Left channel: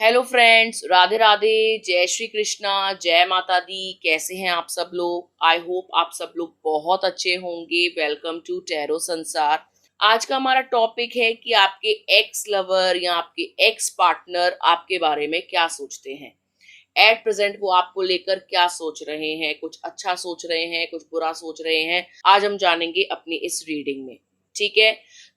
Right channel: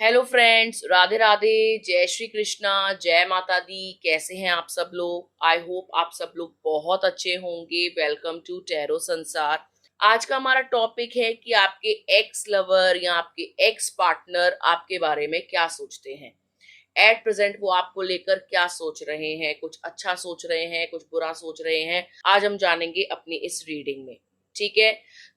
Hello friends, Radhe Radhe. जय श्री कृष्णा, जय माता दी। कैसे हैं आप सब लोग? आई होप आप सब लोग बहुत अच्छे होंगे। वेलकम टू टैरो संसार। आज का हमारा टॉपिक है कि आपके एक्स लवर या आपके एक्स पार्टनर आपके बारे में क्या सोचते हैं। एट प्रेजेंट वो आपको लेकर क्या सोच रहे हैं, कुछ अच्छा सोच रहे हैं, कुछ बुरा सोच रहे हैं। आज हम जानेंगे अपनी इस रीडिंग में। ठीक है,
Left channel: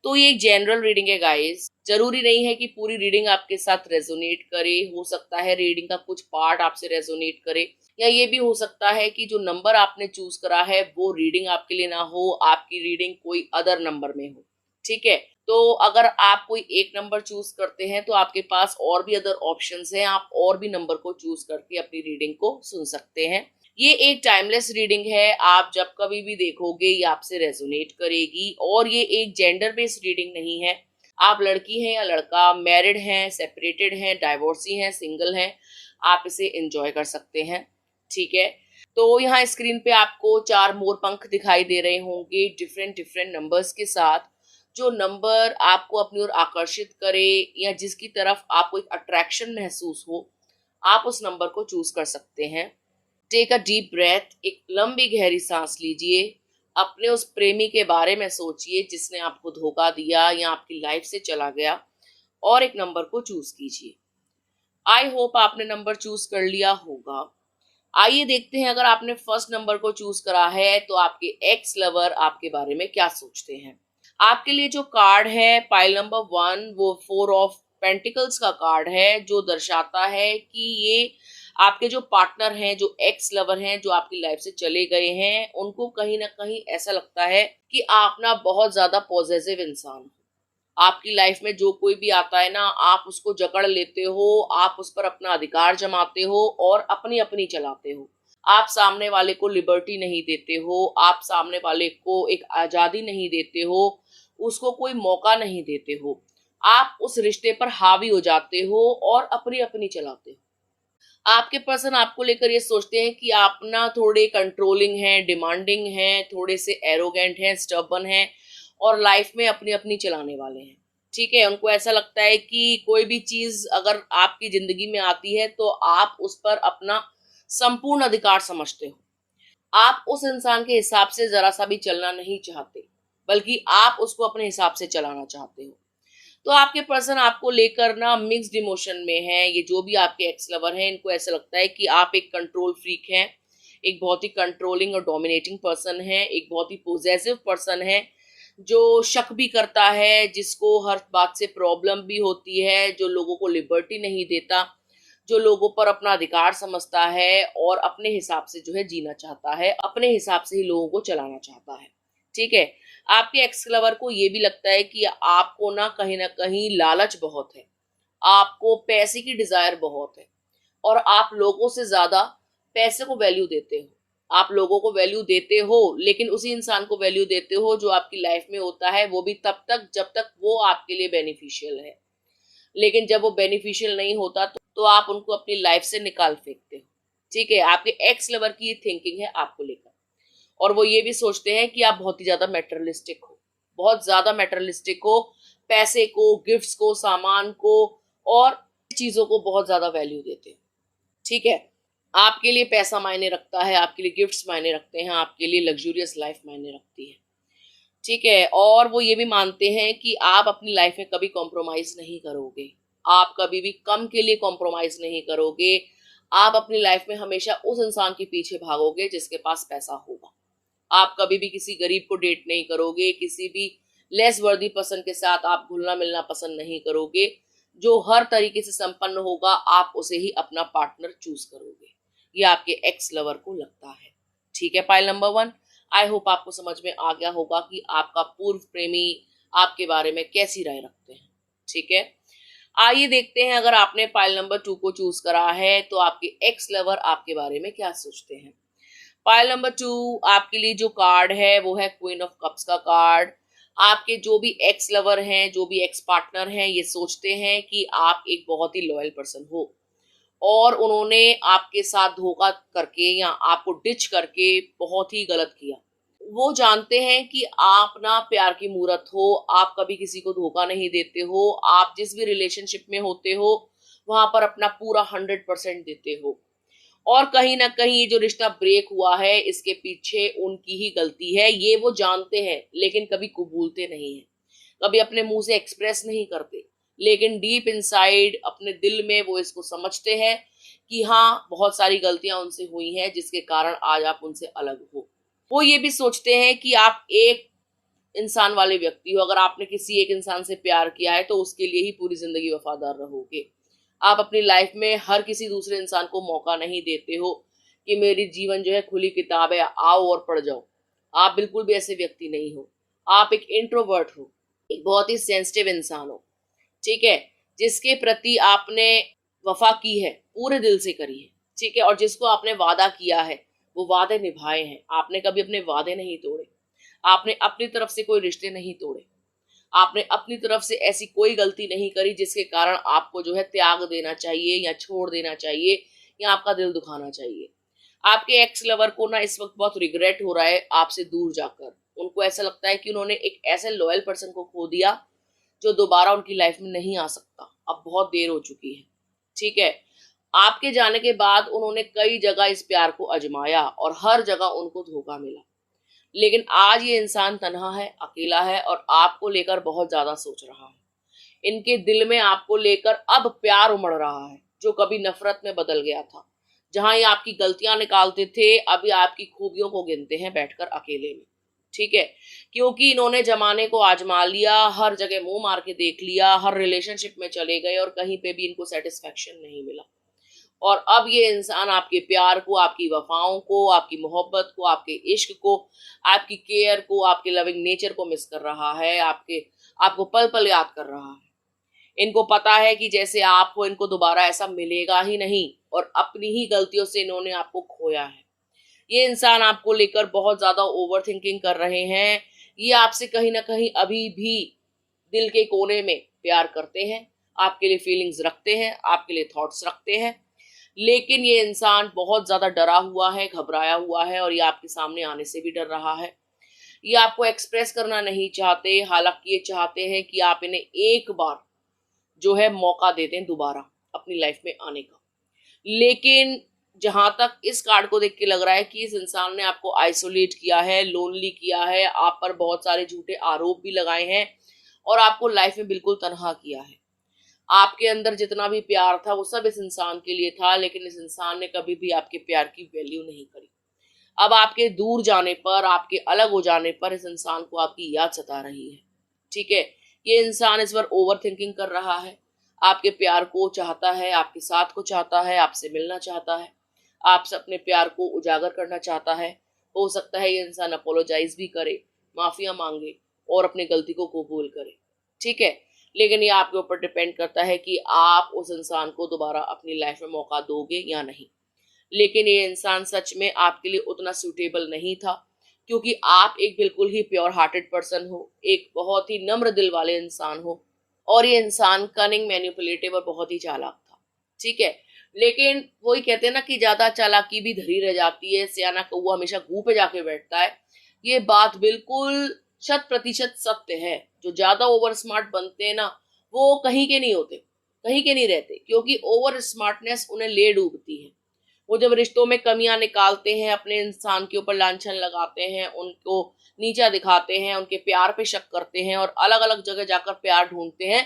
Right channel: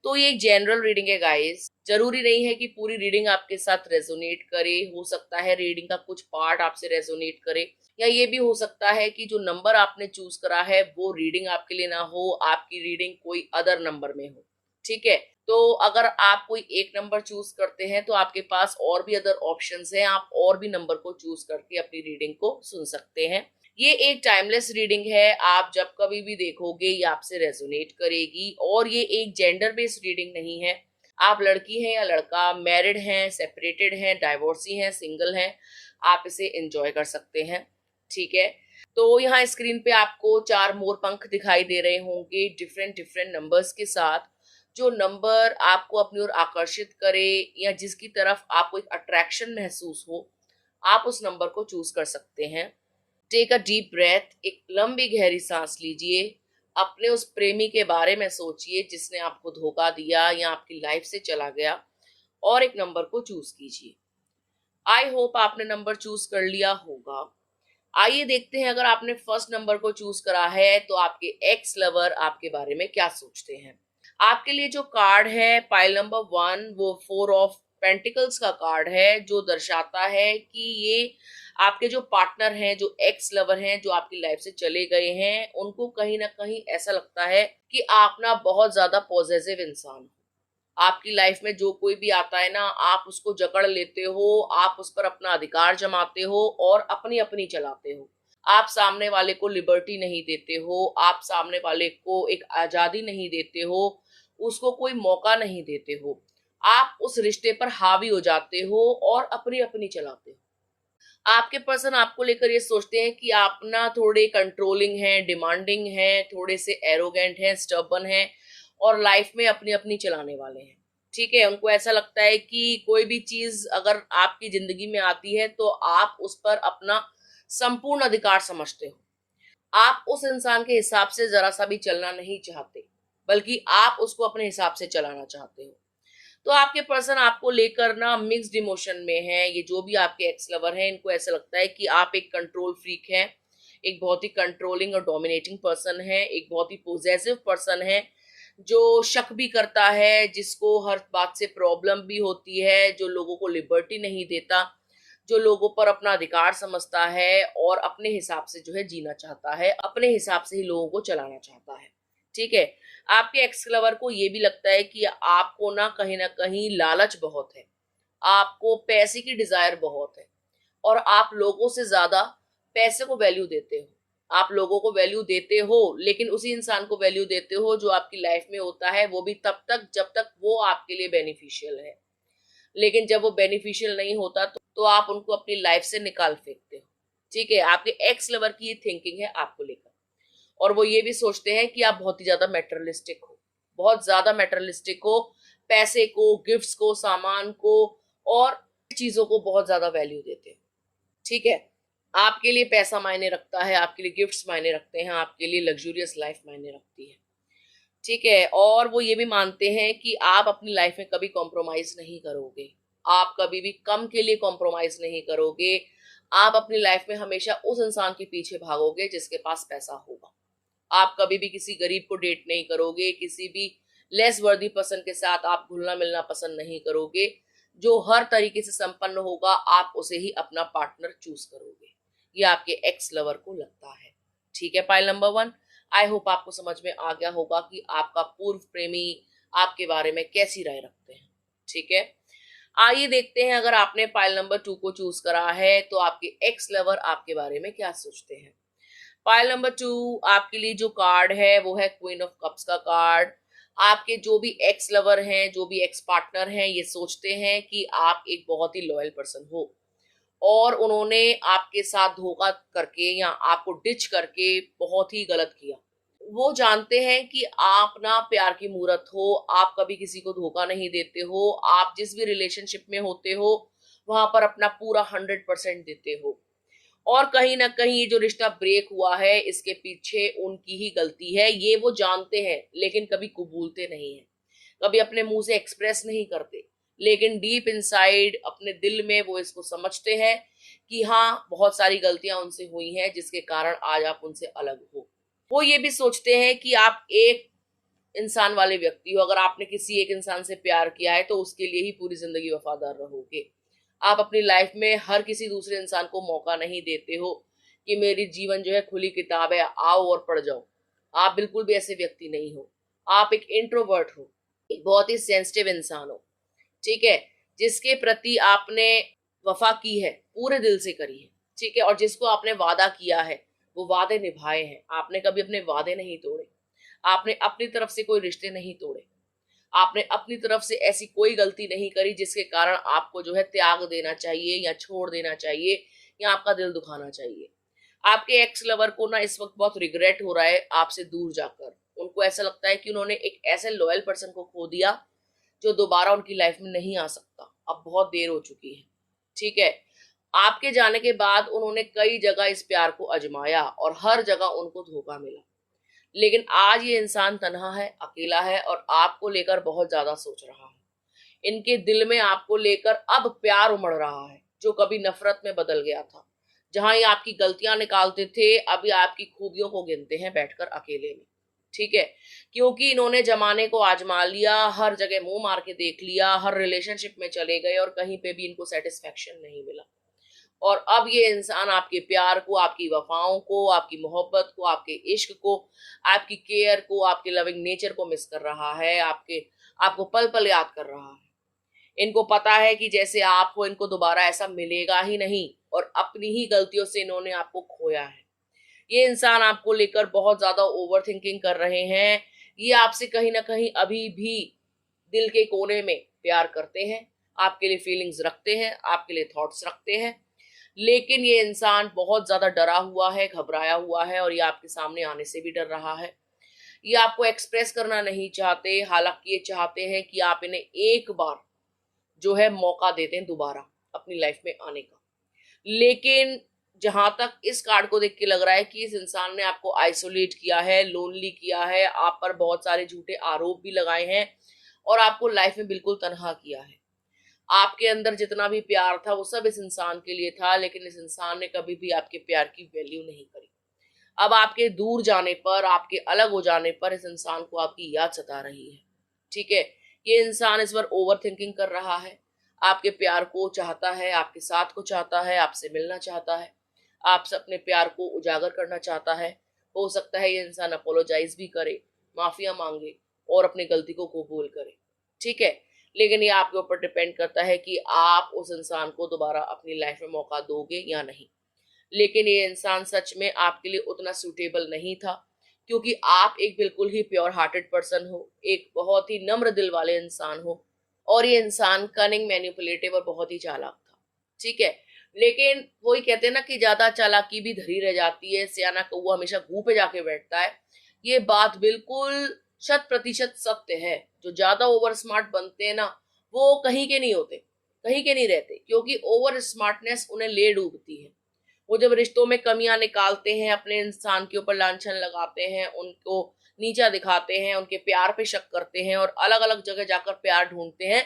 तो ये एक जनरल रीडिंग है गाइस। जरूरी नहीं है कि पूरी रीडिंग आपके साथ रेजोनेट करे। हो सकता है रीडिंग का कुछ पार्ट आपसे रेजोनेट करे, या ये भी हो सकता है कि जो नंबर आपने चूज करा है वो रीडिंग आपके लिए ना हो, आपकी रीडिंग कोई अदर नंबर में हो। ठीक है, तो अगर आप कोई एक नंबर चूज करते हैं तो आपके पास और भी अदर ऑप्शंस हैं। आप और भी नंबर को चूज करके अपनी रीडिंग को सुन सकते हैं। ये एक टाइमलेस रीडिंग है। आप जब कभी भी देखोगे ये आपसे रेजोनेट करेगी। और ये एक जेंडर बेस्ड रीडिंग नहीं है। आप लड़की हैं या लड़का, मैरिड हैं, सेपरेटेड हैं, डाइवोर्सी हैं, सिंगल हैं, आप इसे एंजॉय कर सकते हैं। ठीक है, तो यहाँ स्क्रीन पे आपको 4 मोर पंख दिखाई दे रहे होंगे डिफरेंट डिफरेंट नंबर्स के साथ। जो नंबर आपको अपनी ओर आकर्षित करे या जिसकी तरफ आपको एक अट्रैक्शन महसूस हो, आप उस नंबर को चूज कर सकते हैं। टेक अ डीप ब्रेथ, एक लंबी गहरी सांस लीजिए। अपने उस प्रेमी के बारे में सोचिए जिसने आपको धोखा दिया या आपकी लाइफ से चला गया, और एक नंबर को चूज कीजिए। आई होप आपने नंबर चूज कर लिया होगा। आइए देखते हैं, अगर आपने फर्स्ट नंबर को चूज करा है तो आपके एक्स लवर आपके बारे में क्या सोचते हैं। आपके लिए जो कार्ड है पाइल नंबर 1, वो 4 ऑफ पेंटिकल्स का कार्ड है, जो दर्शाता है कि ये आपके जो पार्टनर हैं, जो एक्स लवर हैं, जो आपकी लाइफ से चले गए हैं, उनको कहीं ना कहीं ऐसा लगता है कि आप ना बहुत ज्यादा पॉजिटिव इंसान हो। आपकी लाइफ में जो कोई भी आता है ना, आप उसको जकड़ लेते हो, आप उस पर अपना अधिकार जमाते हो और अपनी अपनी चलाते हो। आप सामने वाले को लिबर्टी नहीं देते हो, आप सामने वाले को एक आजादी नहीं देते हो, उसको कोई मौका नहीं देते हो। आप उस रिश्ते पर हावी हो जाते हो और अपनी अपनी चलाते हो। आपके पर्सन आपको लेकर ये सोचते हैं कि आप ना थोड़े कंट्रोलिंग हैं, डिमांडिंग हैं, थोड़े से एरोगेंट हैं, स्टबर्न हैं, और लाइफ में अपनी अपनी चलाने वाले हैं। ठीक है, उनको ऐसा लगता है कि कोई भी चीज अगर आपकी जिंदगी में आती है तो आप उस पर अपना संपूर्ण अधिकार समझते हो। आप उस इंसान के हिसाब से जरा सा भी चलना नहीं चाहते, बल्कि आप उसको अपने हिसाब से चलाना चाहते हो। तो आपके पर्सन आपको लेकर ना मिक्स्ड इमोशन में है। ये जो भी आपके एक्स लवर हैं, इनको ऐसा लगता है कि आप एक कंट्रोल फ्रीक हैं, एक बहुत ही कंट्रोलिंग और डोमिनेटिंग पर्सन है, एक बहुत ही पोजेसिव पर्सन है, जो शक भी करता है, जिसको हर बात से प्रॉब्लम भी होती है, जो लोगों को लिबर्टी नहीं देता, जो लोगों पर अपना अधिकार समझता है और अपने हिसाब से जो है जीना चाहता है, अपने हिसाब से ही लोगों को चलाना चाहता है। ठीक है, आपके एक्स लवर को ये भी लगता है कि आपको ना कहीं लालच बहुत है, आपको पैसे की डिजायर बहुत है, और आप लोगों से ज्यादा पैसे को वैल्यू देते हो। आप लोगों को वैल्यू देते हो, लेकिन उसी इंसान को वैल्यू देते हो जो आपकी लाइफ में होता है, वो भी तब तक जब तक वो आपके लिए बेनिफिशियल है। लेकिन जब वो बेनिफिशियल नहीं होता तो आप उनको अपनी लाइफ से निकाल फेंकते हो। ठीक है, आपके एक्स लवर की थिंकिंग है आपको लेकर। और वो ये भी सोचते हैं कि आप बहुत ही ज्यादा मेटरलिस्टिक हो, बहुत ज्यादा मेटरलिस्टिक हो, पैसे को, गिफ्ट्स को, सामान को और चीजों को बहुत ज्यादा वैल्यू देते हो। ठीक है, आपके लिए पैसा मायने रखता है, आपके लिए गिफ्ट्स मायने रखते हैं, आपके लिए लग्जूरियस लाइफ मायने रखती है। ठीक है, और वो ये भी मानते हैं कि आप अपनी लाइफ में कभी कॉम्प्रोमाइज नहीं करोगे, आप कभी भी कम के लिए कॉम्प्रोमाइज नहीं करोगे। आप अपनी लाइफ में हमेशा उस इंसान के पीछे भागोगे जिसके पास पैसा होगा। आप कभी भी किसी गरीब को डेट नहीं करोगे, किसी भी लेस वर्दी पर्सन के साथ आप घुलना मिलना पसंद नहीं करोगे। जो हर तरीके से संपन्न होगा आप उसे ही अपना पार्टनर चूज करोगे। ये आपके एक्स लवर को लगता है। ठीक है, पाइल नंबर 1, आई होप आपको समझ में आ गया होगा कि आपका पूर्व प्रेमी आपके बारे में कैसी राय रखते हैं। ठीक है, आइए देखते हैं, अगर आपने पाइल नंबर 2 को चूज करा है तो आपके एक्स लवर आपके बारे में क्या सोचते हैं। पाइल नंबर 2, आपके लिए जो कार्ड है वो है क्वीन ऑफ कप्स का कार्ड। आपके जो भी एक्स लवर हैं, जो भी एक्स पार्टनर हैं, ये सोचते हैं कि आप एक बहुत ही लॉयल पर्सन हो, और उन्होंने आपके साथ धोखा करके या आपको डिच करके बहुत ही गलत किया। वो जानते हैं कि आप ना प्यार की मूरत हो, आप कभी किसी को धोखा नहीं देते हो, आप जिस भी रिलेशनशिप में होते हो वहां पर अपना पूरा 100% देते हो। और कहीं ना कहीं ये जो रिश्ता ब्रेक हुआ है इसके पीछे उनकी ही गलती है, ये वो जानते हैं लेकिन कभी कबूलते नहीं है, कभी अपने मुंह से एक्सप्रेस नहीं करते, लेकिन डीप इनसाइड अपने दिल में वो इसको समझते हैं कि हाँ, बहुत सारी गलतियां उनसे हुई हैं जिसके कारण आज आप उनसे अलग हो। वो ये भी सोचते हैं कि आप एक इंसान वाले व्यक्ति हो, अगर आपने किसी एक इंसान से प्यार किया है तो उसके लिए ही पूरी जिंदगी वफादार रहोगे। आप अपनी लाइफ में हर किसी दूसरे इंसान को मौका नहीं देते हो कि मेरी जीवन जो है खुली किताब है, आओ और पढ़ जाओ। आप बिल्कुल भी ऐसे व्यक्ति नहीं हो। आप एक इंट्रोवर्ट हो, एक बहुत ही सेंसिटिव इंसान हो, ठीक है, जिसके प्रति आपने वफा की है, पूरे दिल से करी है, ठीक है, और जिसको आपने वादा किया है वो वादे निभाए हैं। आपने कभी अपने वादे नहीं तोड़े, आपने अपनी तरफ से कोई रिश्ते नहीं तोड़े, आपने अपनी तरफ से ऐसी कोई गलती नहीं करी जिसके कारण आपको जो है त्याग देना चाहिए या छोड़ देना चाहिए या आपका दिल दुखाना चाहिए। आपके एक्स लवर को ना इस वक्त बहुत रिग्रेट हो रहा है आपसे दूर जाकर। उनको ऐसा लगता है कि उन्होंने एक ऐसे लॉयल पर्सन को खो दिया जो दोबारा उनकी लाइफ में नहीं आ सकता। अब बहुत देर हो चुकी है, ठीक है। आपके जाने के बाद उन्होंने कई जगह इस प्यार को आजमाया और हर जगह उनको धोखा मिला, लेकिन आज ये इंसान तन्हा है, अकेला है और आपको लेकर बहुत ज्यादा सोच रहा है। इनके दिल में आपको लेकर अब प्यार उमड़ रहा है जो कभी नफरत में बदल गया था। जहां ये आपकी गलतियां निकालते थे, अभी आपकी खूबियों को गिनते हैं बैठकर अकेले में, ठीक है, क्योंकि इन्होंने जमाने को आजमा लिया, हर जगह मुंह मार के देख लिया, हर रिलेशनशिप में चले गए और कहीं पे भी इनको सेटिस्फेक्शन नहीं मिला। और अब ये इंसान आपके प्यार को, आपकी वफाओं को, आपकी मोहब्बत को, आपके इश्क को, आपकी केयर को, आपके लविंग नेचर को मिस कर रहा है, आपको पल पल याद कर रहा है। इनको पता है कि जैसे आप हो, इनको दोबारा ऐसा मिलेगा ही नहीं और अपनी ही गलतियों से इन्होंने आपको खोया है। ये इंसान आपको लेकर बहुत ज्यादा ओवर थिंकिंग कर रहे हैं। ये आपसे कहीं ना कहीं अभी भी दिल के कोने में प्यार करते हैं, आपके लिए फीलिंग्स रखते हैं, आपके लिए थॉट्स रखते हैं, लेकिन ये इंसान बहुत ज्यादा डरा हुआ है, घबराया हुआ है और ये आपके सामने आने से भी डर रहा है। ये आपको एक्सप्रेस करना नहीं चाहते, हालांकि ये चाहते हैं कि आप इन्हें एक बार जो है मौका दे दें दोबारा अपनी लाइफ में आने का। लेकिन जहां तक इस कार्ड को देख के लग रहा है कि इस इंसान ने आपको आइसोलेट किया है, लोनली किया है, आप पर बहुत सारे झूठे आरोप भी लगाए हैं और आपको लाइफ में बिल्कुल तनहा किया है। आपके अंदर जितना भी प्यार था वो सब इस इंसान के लिए था, लेकिन इस इंसान ने कभी भी आपके प्यार की वैल्यू नहीं करी। अब आपके दूर जाने पर, आपके अलग हो जाने पर इस इंसान को आपकी याद सता रही है, ठीक है। ये इंसान इस बार ओवर थिंकिंग कर रहा है, आपके प्यार को चाहता है, आपके साथ को चाहता है, आपसे मिलना चाहता है, आपसे अपने प्यार को उजागर करना चाहता है। हो सकता है ये इंसान अपोलोजाइज भी करे, माफिया मांगे और अपनी गलती को कबूल करे, ठीक है। लेकिन ये आपके ऊपर डिपेंड करता है कि आप उस इंसान को दोबारा अपनी लाइफ में मौका दोगे या नहीं। लेकिन ये इंसान सच में आपके लिए उतना सूटेबल नहीं था, क्योंकि आप एक बिल्कुल ही प्योर हार्टेड पर्सन हो, एक बहुत ही नम्र दिल वाले इंसान हो और ये इंसान कनिंग, मैनिपुलेटिव और बहुत ही चालाक था, ठीक है। लेकिन वही कहते हैं ना कि ज्यादा चालाकी भी धरी रह जाती है, सियाना कौवा हमेशा गूं पे जाके बैठता है। ये बात बिल्कुल 100% सत्य है। जो ज्यादा ओवर स्मार्ट बनते हैं ना, वो कहीं के नहीं होते, कहीं के नहीं रहते, क्योंकि ओवर स्मार्टनेस उन्हें ले डूबती है। वो जब रिश्तों में कमियां निकालते हैं, अपने इंसान के ऊपर लांछन लगाते हैं, उनको नीचा दिखाते हैं, उनके प्यार पे शक करते हैं और अलग अलग जगह जाकर प्यार ढूंढते हैं,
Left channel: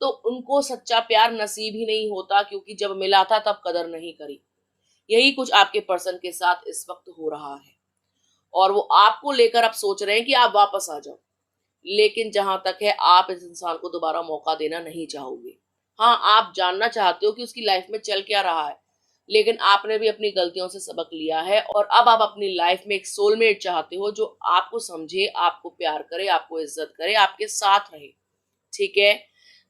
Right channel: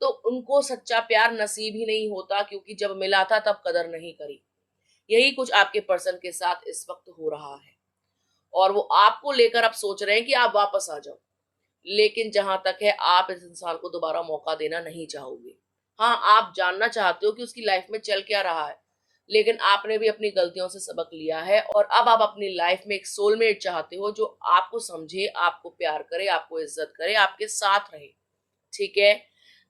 तो उनको सच्चा प्यार नसीब ही नहीं होता, क्योंकि जब मिला था तब कदर नहीं करी। यही कुछ आपके पर्सन के साथ इस वक्त हो रहा है और वो आपको लेकर अब सोच रहे हैं कि आप वापस आ जाओ। लेकिन जहां तक है, आप इस इंसान को दोबारा मौका देना नहीं चाहोगे। हाँ, आप जानना चाहते हो कि उसकी लाइफ में चल क्या रहा है, लेकिन आपने भी अपनी गलतियों से सबक लिया है और अब आप अपनी लाइफ में एक सोलमेट चाहते हो जो आपको समझे, आपको प्यार करे, आपको इज्जत करे, आपके साथ रहे, ठीक है।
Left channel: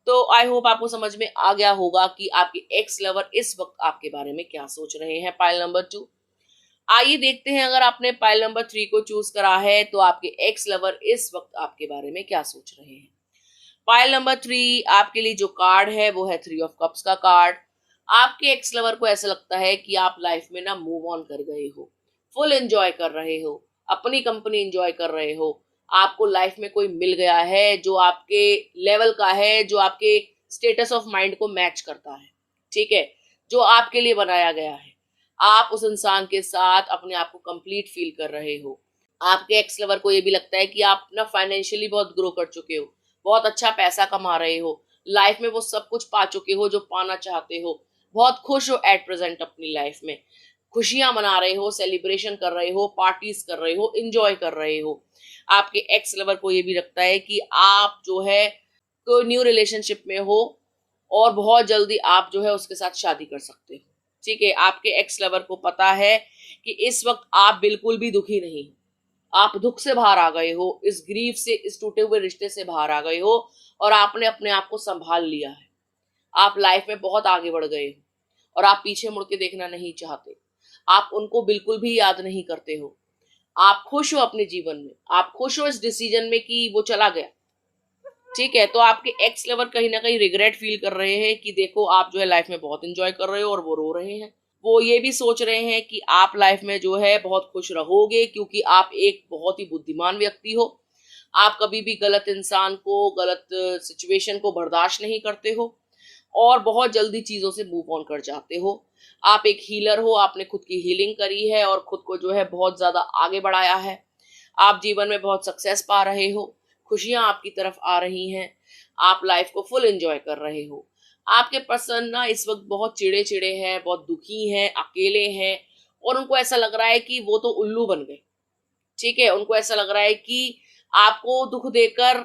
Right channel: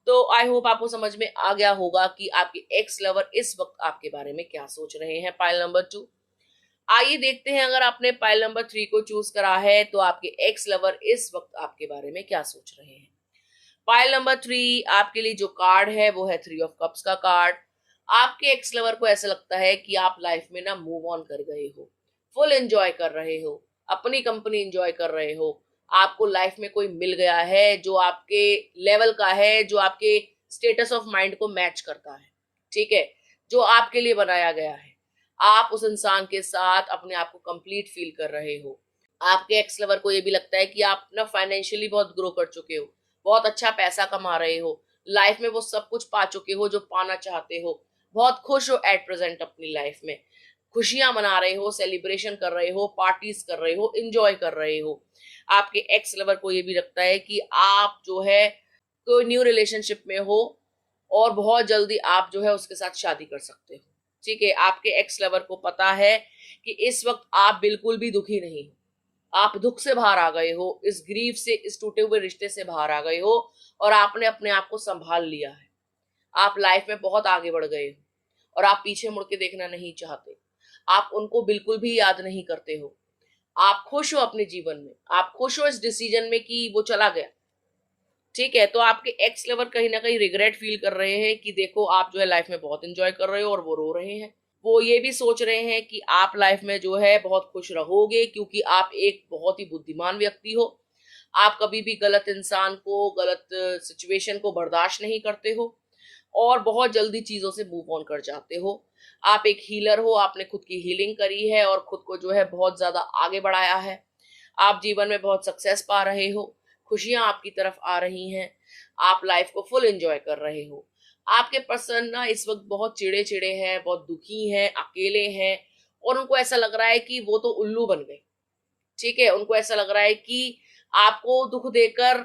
तो आई होप आपको समझ में आ गया होगा कि आपके एक्स लवर इस वक्त आपके बारे में क्या सोच रहे हैं। पाइल नंबर 2, आइए देखते हैं, अगर आपने पाइल नंबर 3 को चूज करा है तो आपके एक्स लवर इस वक्त आपके बारे में क्या सोच रहे हैं। पाइल नंबर 3 आपके लिए जो कार्ड है वो है 3 ऑफ कप्स का कार्ड। आपके एक्स लवर को ऐसा लगता है कि आप लाइफ में ना मूव ऑन कर गए हो, फुल एंजॉय कर रहे हो, अपनी कंपनी एंजॉय कर रहे हो। आपको लाइफ में कोई मिल गया है जो आपके लेवल का है, जो आपके स्टेटस ऑफ माइंड को मैच करता है, ठीक है, जो आपके लिए बनाया गया है। आप उस इंसान के साथ अपने आप को कंप्लीट फील कर रहे हो। आपके एक्स लवर को ये भी लगता है कि आप ना फाइनेंशियली बहुत ग्रो कर चुके हो, बहुत अच्छा पैसा कमा रहे हो, लाइफ में वो सब कुछ पा चुके हो जो पाना चाहते हो, बहुत खुश हो एट प्रेजेंट अपनी लाइफ में, खुशियां मना रहे हो, सेलिब्रेशन कर रहे हो, पार्टीज कर रहे हो, इंजॉय कर रहे हो। आपके एक्स लवर को ये भी लगता है कि आप जो है कोई न्यू रिलेशनशिप में हो और बहुत जल्दी आप जो है उसके साथ शादी कर सकते हो। ठीक है, आपके एक्स लवर को पता है कि इस वक्त आप बिल्कुल भी दुखी नहीं हो, आप दुख से बाहर आ गए हो, इस ग्रीफ से, इस टूटे हुए रिश्ते से बाहर आ गए हो और आपने अपने आप को संभाल लिया है। आप लाइफ में बहुत आगे बढ़ गए हो और आप पीछे मुड़ के देखना नहीं चाहते। आप उनको बिल्कुल भी याद नहीं करते हो। आप खुश हो अपने जीवन में, आप खुश हो इस डिसीजन में कि वो चला गया। ठीक है, तो आपके एक्स लवर कहीं ना कहीं रिग्रेट फील कर रहे हैं कि देखो आप जो है लाइफ में बहुत एंजॉय कर रहे हो और वो रो रहे हैं। वो ये भी सोच रहे हैं कि आप लाइफ में जो है बहुत खुश रहोगे क्योंकि आप एक बहुत ही बुद्धिमान व्यक्ति हो। आप कभी भी गलत इंसान को, गलत सिचुएशन को बर्दाश्त नहीं करते हो और बहुत जल्दी चीजों से मूव ऑन कर जाते हो। आप एक हीलर हो, आपने खुद की हीलिंग करी है और खुद को जो है बहुत ज्यादा आगे बढ़ाया है। आप जीवन में बहुत सक्सेस पा रहे हो, खुशियां आपकी तरफ आ रही हैं, आप लाइफ को फुल एंजॉय कर रहे हो। आपके पर्सन ना इस वक्त बहुत चिड़े चिड़े हैं, बहुत दुखी हैं, अकेले हैं और उनको ऐसा लग रहा है कि वो तो उल्लू बन गए। ठीक है, उनको ऐसा लग रहा है कि आपको दुख देकर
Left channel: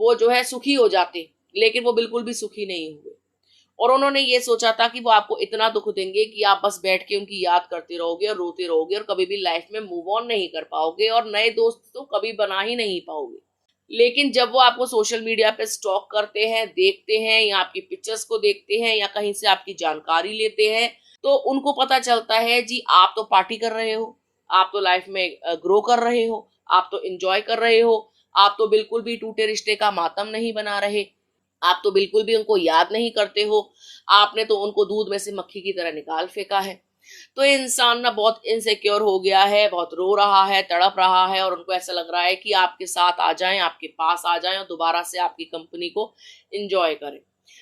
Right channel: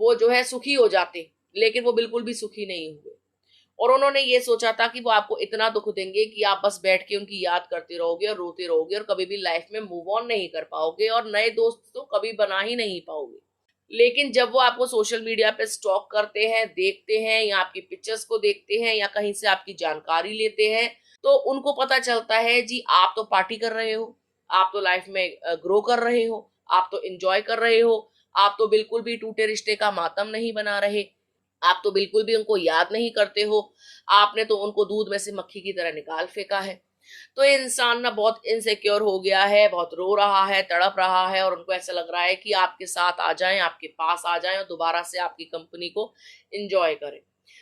वो जो है सुखी हो जाते, लेकिन वो बिल्कुल भी सुखी नहीं हुए। और उन्होंने ये सोचा था कि वो आपको इतना दुख देंगे कि आप बस बैठ के उनकी याद करते रहोगे और रोते रहोगे और कभी भी लाइफ में मूव ऑन नहीं कर पाओगे और नए दोस्त तो कभी बना ही नहीं पाओगे। लेकिन जब वो आपको सोशल मीडिया पे स्टॉक करते हैं, देखते हैं या आपकी पिक्चर्स को देखते हैं या कहीं से आपकी जानकारी लेते हैं, तो उनको पता चलता है जी आप तो पार्टी कर रहे हो, आप तो लाइफ में ग्रो कर रहे हो, आप तो एंजॉय कर रहे हो, आप तो बिल्कुल भी टूटे रिश्ते का मातम नहीं बना रहे, आप तो बिल्कुल भी उनको याद नहीं करते हो, आपने तो उनको दूध में से मक्खी की तरह निकाल फेंका है। तो ये इंसान ना बहुत इनसिक्योर हो गया है, बहुत रो रहा है, तड़प रहा है और उनको ऐसा लग रहा है कि आपके साथ आ जाएं, आपके पास आ जाएं और दोबारा से आपकी कंपनी को एंजॉय करें।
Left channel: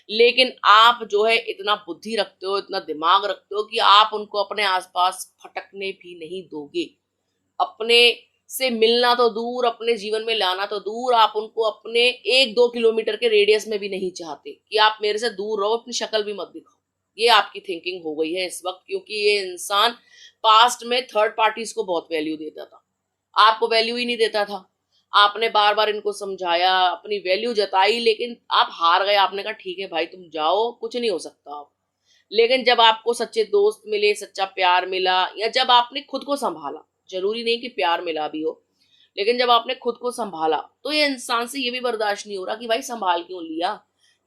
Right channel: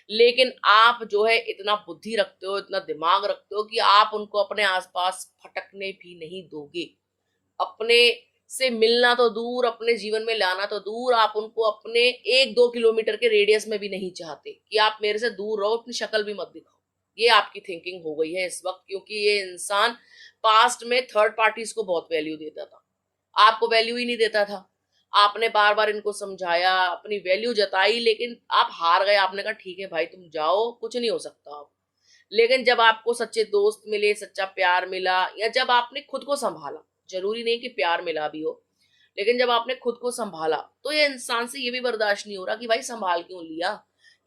लेकिन आप जो है इतना बुद्धि रखते हो, इतना दिमाग रखते हो कि आप उनको अपने आसपास फटकने भी नहीं दोगे। अपने से मिलना तो दूर, अपने जीवन में लाना तो दूर, आप उनको अपने 1-2 किलोमीटर के रेडियस में भी नहीं चाहते कि आप मेरे से दूर रहो, अपनी शक्ल भी मत दिखाओ। ये आपकी थिंकिंग हो गई है इस वक्त, क्योंकि ये इंसान पास्ट में थर्ड पार्टीज को बहुत वैल्यू देता था, आपको वैल्यू ही नहीं देता था। आपने बार बार इनको समझाया, अपनी वैल्यू जताई, लेकिन आप हार गए। आपने कहा ठीक है भाई तुम जाओ, कुछ नहीं हो सकता अब। लेकिन जब आपको सच्चे दोस्त मिले, सच्चा प्यार मिला या जब आपने खुद को संभाला, जरूरी नहीं कि प्यार मिला भी हो, लेकिन जब आपने खुद को संभाला तो ये इंसान से ये भी बर्दाश्त नहीं हो रहा कि भाई संभाल क्यों लिया।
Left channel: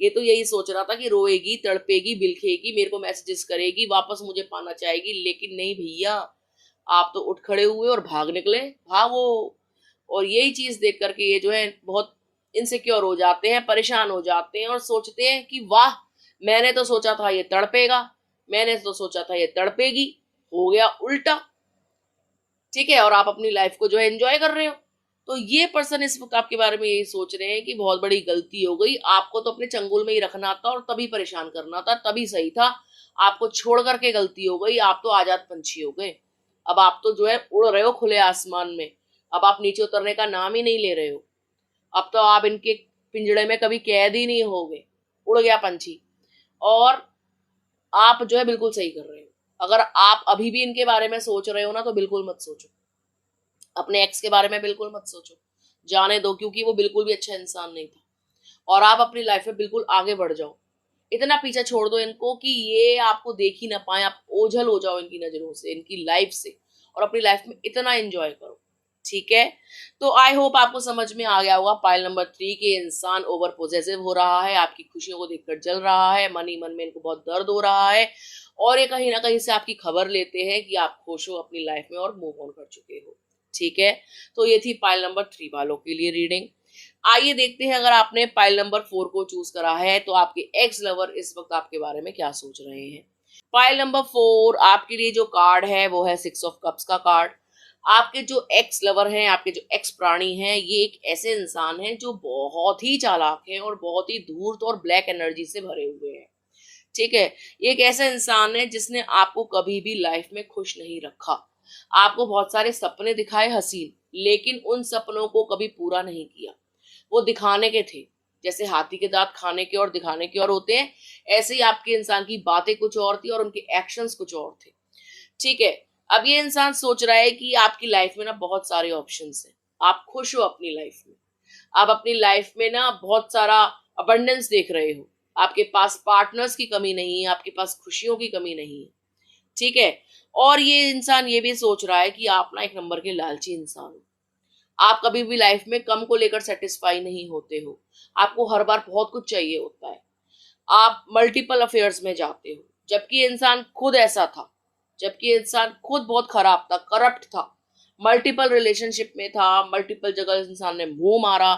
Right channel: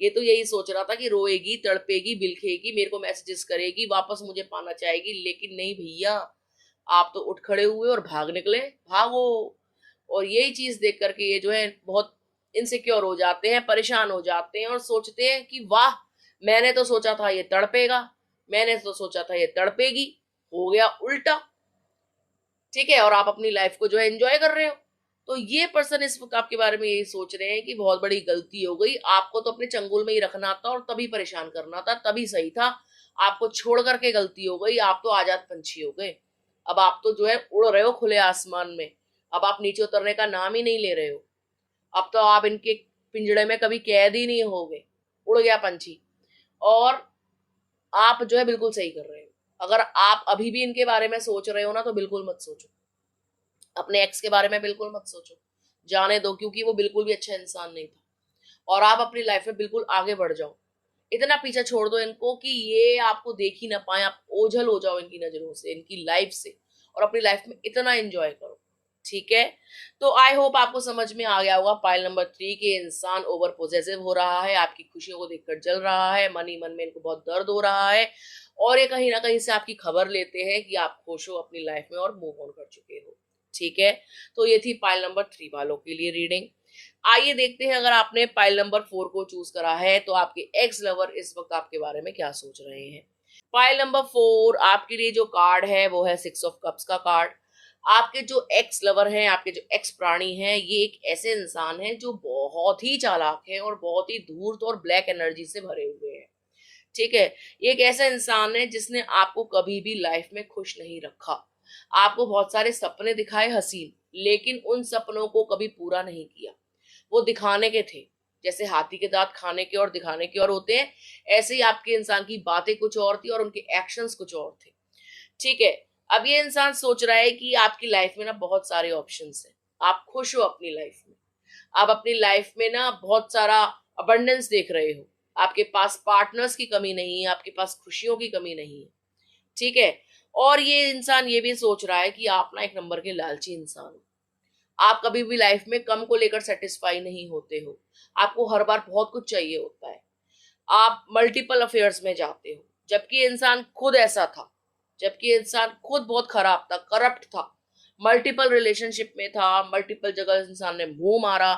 ये तो यही सोच रहा था कि रोएगी, तड़पेगी, बिलखेगी, मेरे को मैसेजेस करेगी, वापस मुझे पाना चाहेगी, लेकिन नहीं भैया, आप तो उठ खड़े हुए और भाग निकले, भागो। और यही चीज देख करके ये जो है बहुत इनसिक्योर हो जाते हैं, परेशान हो जाते हैं और सोचते हैं कि वाह, मैंने तो सोचा था ये तड़पेगा, मैंने तो सोचा था ये तड़पेगी, हो गया उल्टा। ठीक है, और आप अपनी लाइफ को जो है एंजॉय कर रहे हो। तो ये पर्सन इस वक्त आपके बारे में यही सोच रहे हैं कि बहुत बड़ी गलती हो गई, आपको तो अपने चंगुल में ही रखना था और तभी परेशान करना था, तभी सही था। आपको छोड़ करके गलती हो गई, आप तो आजाद पंछी हो गए। अब आप तो जो है उड़ रहे हो खुले आसमान में, अब आप नीचे उतरने का नाम ही नहीं ले रहे हो। अब तो आप इनके पिंजड़े में कभी कैद ही नहीं होगे, उड़ गया पंछी। और आप जो है बिल्कुल सही कर रहे हो। अगर आप अभी भी इनके बारे में सोच रहे हो ना, तो बिल्कुल मत सोचो, अपने एक्स के बारे में बिल्कुल मत सोचो, जाने दो, क्योंकि वो बिल्कुल भी अच्छा इंसान नहीं था। और आप अपनी लाइफ में बिल्कुल आगे बढ़ जाओ, इतना पीछा छोड़ दो इनको कि ये आपको देख ही ना पाए, आप ओझल हो जाओ इनकी नजरों से, इनकी लाइफ से, और अपनी लाइफ में इतना एंजॉय करो। ठीक है, तो आई होप आपको समझ में आ गया होगा पाइल नंबर 3 के इंसान ओवर पोजेसिव हो रहा है, आपकी खुशियों को देखकर जल रहा है, मन ही मन में इनको बहुत दर्द हो रहा है और ये कहीं ना कहीं से आपकी खबर लेते हैं कि आप खुश हो अपनी लाइफ में और मूव ऑन कर चुके हो। ठीक है, तो ये थी पाइल नंबर 3 वालों के लिए रीडिंग। आइए देखते हैं, अगर आपने पाइल नंबर 4 को चूज करा है तो आपके एक्स लवर इस वक्त आपके बारे में क्या सोच रहे हैं। पाइल नंबर 4 आपके लिए जो कार्ड है वो है 6 ऑफ कप्स का कार्ड। आपके जो एक्स लवर हैं, आपके जो एक्स प्राणी हैं, ये एक ऐसे इंसान हैं जो बहुत ही चालाक हैं और बहुत ही धूर्त और ब्लैक एनर्जी से भरे हुए हैं। ठीक है। ये एक ऐसा इंसान है जिसने आपको कभी भी लाइफ में खुश नहीं रखा। आपको बहुत सारे सपने दिखाए हसीन, लेकिन उन सपनों को कभी पूरा नहीं किया। वो दिखाने के थे। जैसे हाथी के दांत खाने के और दिखाने के और होते हैं, ऐसे ही आपके इंसान की बातें कुछ और थी और उनके एक्शंस कुछ और थे। ठीक है। अब ये इंसान सोच रहा है कि आपकी लाइफ में ना बहुत सारे ऑप्शंस हैं। आप खुश हो अपनी लाइफ में। आप अपनी लाइफ में ना बहुत सारा अबंडेंस देख रहे हो। आपके पास पार्टनर्स की कमी नहीं है, आपके पास खुशियों की कमी नहीं है। ठीक है। और ये इंसान ये भी सोच रहा है कि आप ना एक नंबर के लालची इंसान हो। आप कभी भी लाइफ में कम को लेकर सेटिस्फाई नहीं होते हो। आपको हर बार बहुत कुछ चाहिए होता है। आप मल्टीपल अफेयर्स में जाते हो, जबकि ये इंसान खुद ऐसा था। जबकि ये इंसान खुद बहुत खराब था, करप्ट था, मल्टीपल रिलेशनशिप में था, मल्टीपल जगह इस इंसान ने मुंह मारा,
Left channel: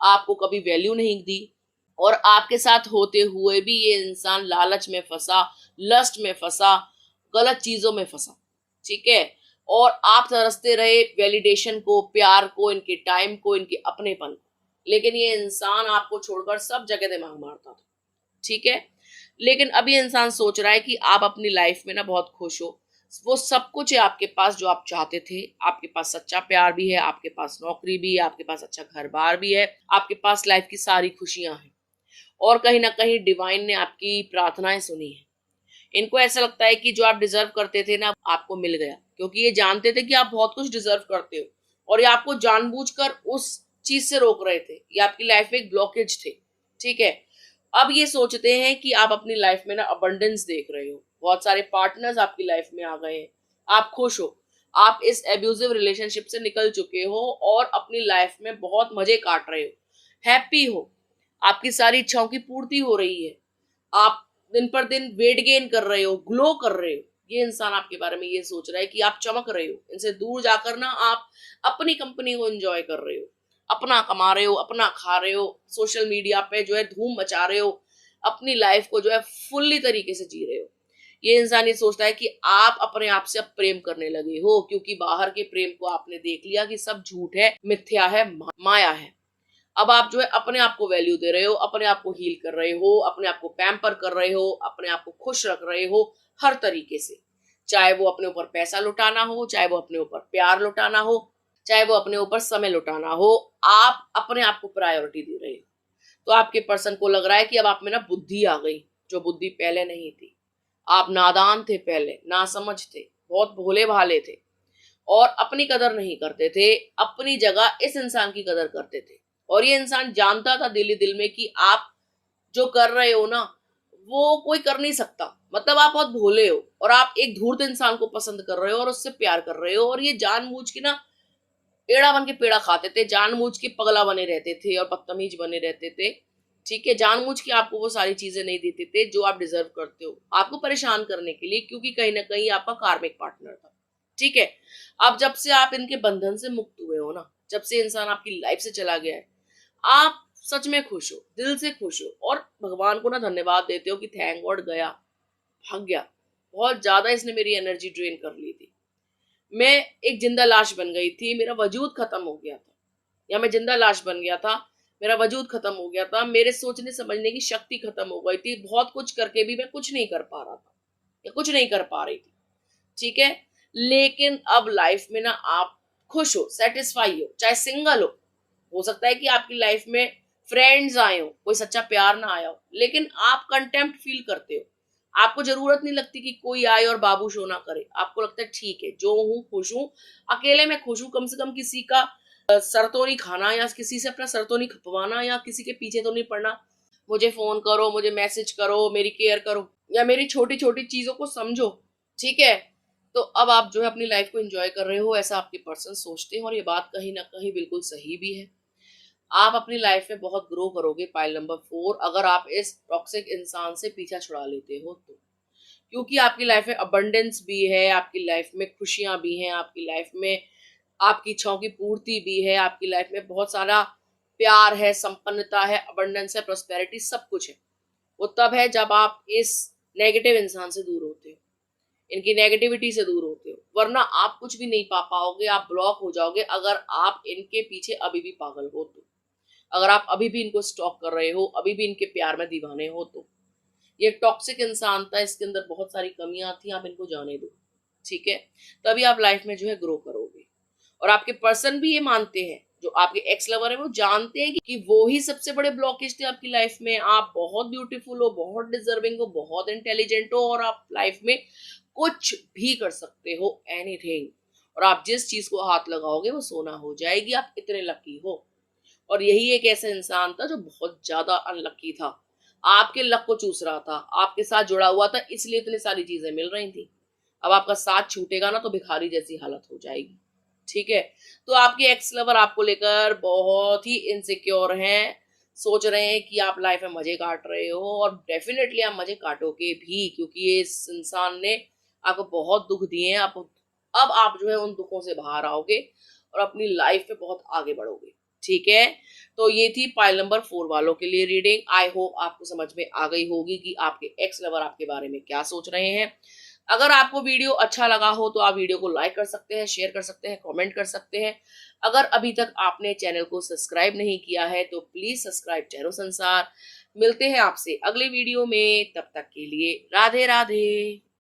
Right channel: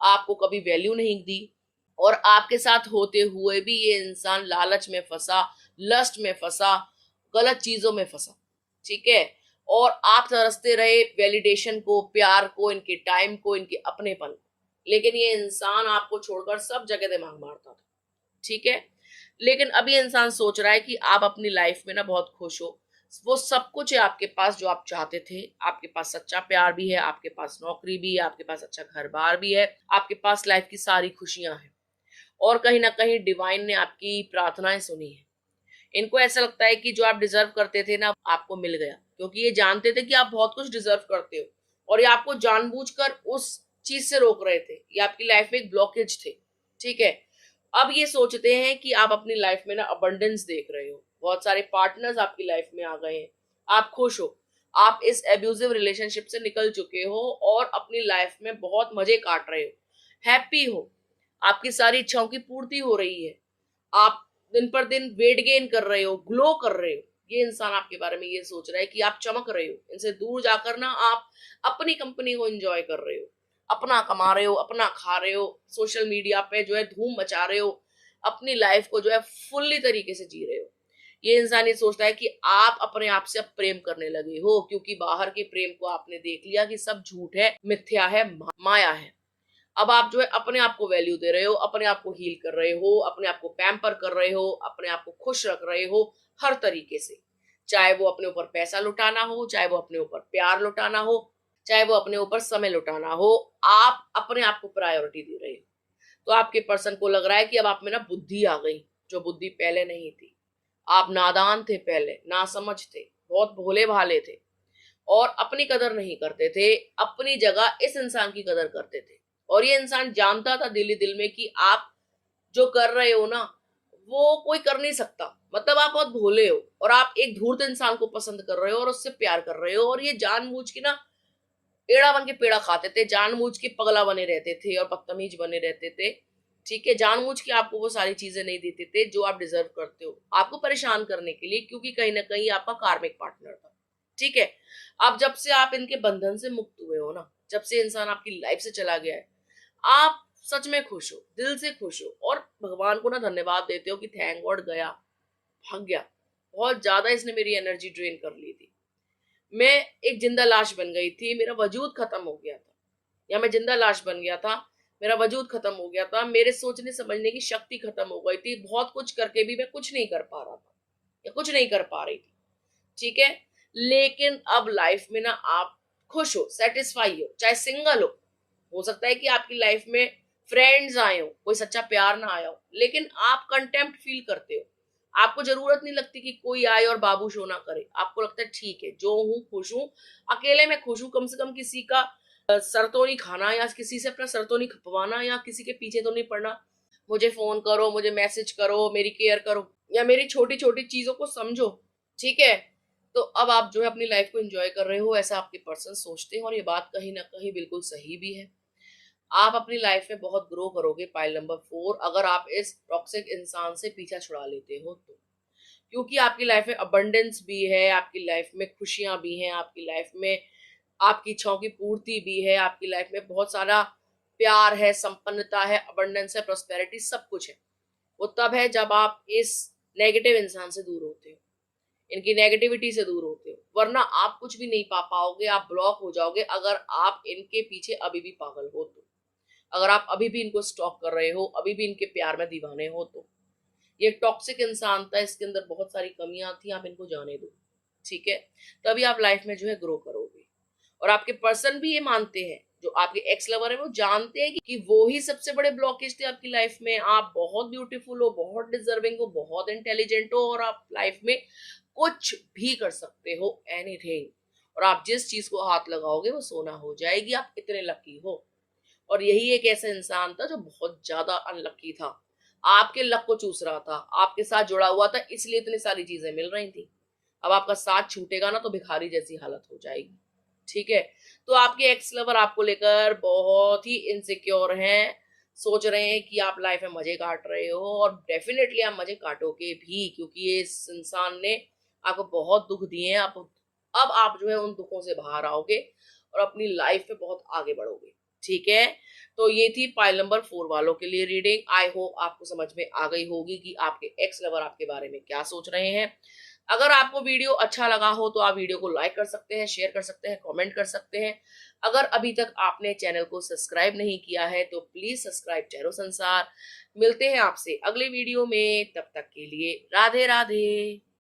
आपको कभी वैल्यू नहीं दी। और आपके साथ होते हुए भी ये इंसान लालच में फंसा, लस्ट में फंसा, गलत चीजों में फंसा। ठीक है। और आप तरसते रहे वैलिडेशन को, प्यार को, इनके टाइम को, इनके अपनेपन को। लेकिन ये इंसान आपको छोड़कर सब जगह दिमाग मारता था। ठीक है। लेकिन अब ये इंसान सोच रहा है कि आप अपनी लाइफ में ना बहुत खुश हो। वो सब कुछ है आपके पास जो आप चाहते थे। आपके पास सच्चा प्यार भी है, आपके पास नौकरी भी है, आपके पास अच्छा घर बार भी है, आपके पास लाइफ की सारी खुशियां हैं। और कहीं ना कहीं डिवाइन ने आपकी प्रार्थनाएं सुनी है। इनको ऐसा लगता है कि जो आप डिजर्व करते थे ना, आपको मिल गया, क्योंकि ये जानते थे कि आप बहुत कुछ डिजर्व करते हो और ये आपको जानबूझकर उस चीज से रोक रहे थे। ये आपकी लाइफ में एक ब्लॉकेज थे। ठीक है। अब ये सोचते हैं कि आप अपनी लाइफ में ना अबंडेंस देख रहे हो, बहुत सारे पार्टनर्स आपकी लाइफ में आ गए हैं, आप खुश हो, आप इस एब्यूजिव रिलेशनशिप से निकल चुके हो और अपनी लाइफ में बहुत मजे काट रहे हो, हैप्पी हो, आपकी सारी इच्छाओं की पूर्ति हो रही है, आप दिन पर दिन वेट गेन कर रहे हो, ग्लो कर रहे हो। ये इंसान आपके बारे में ये सोच रहा है कि आप चमक रहे हो। इनसे दूर जाकर ना आप अपनी कंपनी को एंजॉय कर रहे हो, अपना कमा रहे हो, अपना खा रहे हो, सोशल मीडिया पे जो है धूम मचा रहे हो, अपनी लाइफ को जो है फुल्ली तरीके से जी रहे हो। ये इंसान ये सोचता है कि आप अपने आप से अब प्रेम करने लगे हो, क्योंकि बाहर के प्रेम को आपने देख लिया कि सब झूठ है, मिथ्या है, माया है। अब आप जो है अपने आप को वैल्यू दे रहे हो, अपने आप को हील कर रहे हो, अपने आप को पैम्पर कर रहे हो, अपने आप को खुश रख रहे हो हर तरीके से। चाहे वो अपने ऊपर पैसा लुटाना हो, चाहे वो अपने ऊपर प्यार लुटाना हो, चाहे वो अपने ऊपर समय लुटाना हो, आप अपने आप को प्रायोरिटी दे रहे हो। तो आपके पर्सन को लग रहा है कि अब आप में ना बुद्धि आ गई, जो बुद्धि पहले नहीं थी। आप नादान थे, पहले नासमझ थे, बहुत भोले भाले थे और अपनी कदर नहीं करते थे। अपनी जगह इस इंसान की कदर करते थे और ये इंसान जानता था दिल ही दिल में कि आप जो कर रहे हो ना, वो कोई कर नहीं सकता। मतलब आप बहुत भोले हो और आप एक धूर्त इंसान को पसंद कर रहे हो और उससे प्यार कर रहे हो, और ये जानबूझ के ना पेड़ा बन के पेड़ा खाते थे, जानबूझ के पगला बने रहते थे और बदतमीज बने रहते थे। ठीक है। जानबूझ के आपको वो सारी चीजें नहीं देते थे जो आप डिजर्व करते हो, आपको परेशान करने के लिए, क्योंकि कहीं ना कहीं आपका कार्मिक पार्टनर था। ठीक है। अब जब से आप इनके बंधन से मुक्त हुए हो ना, जब से इंसान आपकी लाइफ से चला गया है, आप सच में खुश हो, दिल से खुश हो और भगवान को ना धन्यवाद देते हो कि थैंक गॉड गया, भाग गया। बहुत ज्यादा इसने मेरी एनर्जी ड्रेन कर ली थी। मैं एक जिंदा लाश बन गई थी, मेरा वजूद खत्म हो गया था, या मैं जिंदा लाश बन गया था, मेरा वजूद खत्म हो गया था, मेरे सोचने समझने की शक्ति खत्म हो गई थी, बहुत कुछ करके भी मैं कुछ नहीं कर पा रहा था या कुछ नहीं कर पा रही थी। ठीक है। लेकिन अब लाइफ में ना आप खुश हो, सेटिस्फाई हो, चाहे सिंगल हो सकता है कि आपकी लाइफ में फ्रेंड्स आए हो, कोई सच्चा प्यार ना आया हो, लेकिन आप कंटेम्प्ट फील करते हो। आपको जरूरत नहीं लगती कि कोई आए और बाबू शो ना करे। आपको लगता है ठीक है, जो हूँ खुश हूँ, अकेले में खुश हूँ, कम से कम किसी का सर तो नहीं खाना, या किसी से अपना सर तो नहीं खपवाना, या किसी के पीछे तो नहीं पड़ना। मुझे फोन करो, मुझे मैसेज करो, मेरी केयर करो, या मेरी छोटी छोटी चीजों को समझो। ठीक है। तो अब आप जो है अपनी लाइफ को एंजॉय कर रहे हो, ऐसा आपके पर्सन सोचते हैं और ये बात कहीं ना कहीं बिल्कुल सही भी है। आप अपनी लाइफ में बहुत ग्रो करोगे। पाइल नंबर 4, अगर आप इस टॉक्सिक इंसान से पीछा छुड़ा लेते हो तो, क्योंकि आपकी लाइफ में अबंडेंस भी है, आपकी लाइफ में खुशियां भी हैं, आपकी लाइफ में आपकी इच्छाओं की पूर्ति भी है, आपकी लाइफ में बहुत सारा प्यार है, संपन्नता है, अबंडेंस है, प्रोस्पेरिटी, सब कुछ है। वो तब है जब आप इस नेगेटिव इंसान से दूर होते हो, इनकी नेगेटिविटी से दूर होते हो, वरना आप कुछ भी नहीं पा पाओगे, आप ब्लॉक हो जाओगे अगर आप इनके पीछे अभी भी पागल हो तो, अगर आप अभी भी इनको स्टॉक कर रहे हो, अभी भी इनके प्यार में दीवाने हो तो। ये टॉक्सिक इंसान था, इसके अंदर बहुत सारी कमियां थी, आप इनको जाने दो, ठीक है? तभी आप लाइफ में जो है ग्रो करोगे। और आपके पर्सन भी ये मानते हैं, जो आपके एक्स लवर है वो जानते हैं कि वो ही सबसे बड़े ब्लॉकेज थे आपकी लाइफ में। आप बहुत ब्यूटीफुल हो, बहुत डिजर्विंग हो, बहुत इंटेलिजेंट हो, और आप लाइफ में कुछ भी कर सकते हो, एनीथिंग। और आप जिस चीज को हाथ लगाओगे वो सोना हो जाएगी, आप इतने लकी हो। और यही एक ऐसा इंसान था जो बहुत ज्यादा अनलकी था, आपके लक को चूस रहा था, आपके साथ जुड़ा हुआ था, इसलिए इतनी सारी चीजें मिल रही थी। अब आपका साथ छूटेगा ना तो भिखारी जैसी हालत हो जाएगी, ठीक है? तो आपके एक्स लवर आपको लेकर बहुत ही इनसिक्योर हैं, सोच रहे हैं कि आप लाइफ में मजे काट रहे हो, और डेफिनेटली आप मजे काटोगे भी, क्योंकि ये इस इंसान ने आपको बहुत दुख दिए हैं। आप अब आप जो है उन दुखों से बाहर आओगे और अपनी लाइफ में बहुत आगे बढ़ोगे, ठीक है? तो ये थी पाइल नंबर 4 वालों के लिए रीडिंग। आई होप आपको समझ में आ गई होगी कि आपके एक्स लवर आपके बारे में क्या सोच रहे हैं। अगर आपको वीडियो अच्छा लगा हो तो आप वीडियो को लाइक कर सकते हैं, शेयर कर सकते हैं, कमेंट कर सकते हैं। अगर अभी तक आपने चैनल को सब्सक्राइब नहीं किया है तो प्लीज सब्सक्राइब टैरो संसार। मिलते हैं आपसे अगले वीडियो में, तब तक के लिए राधे राधे।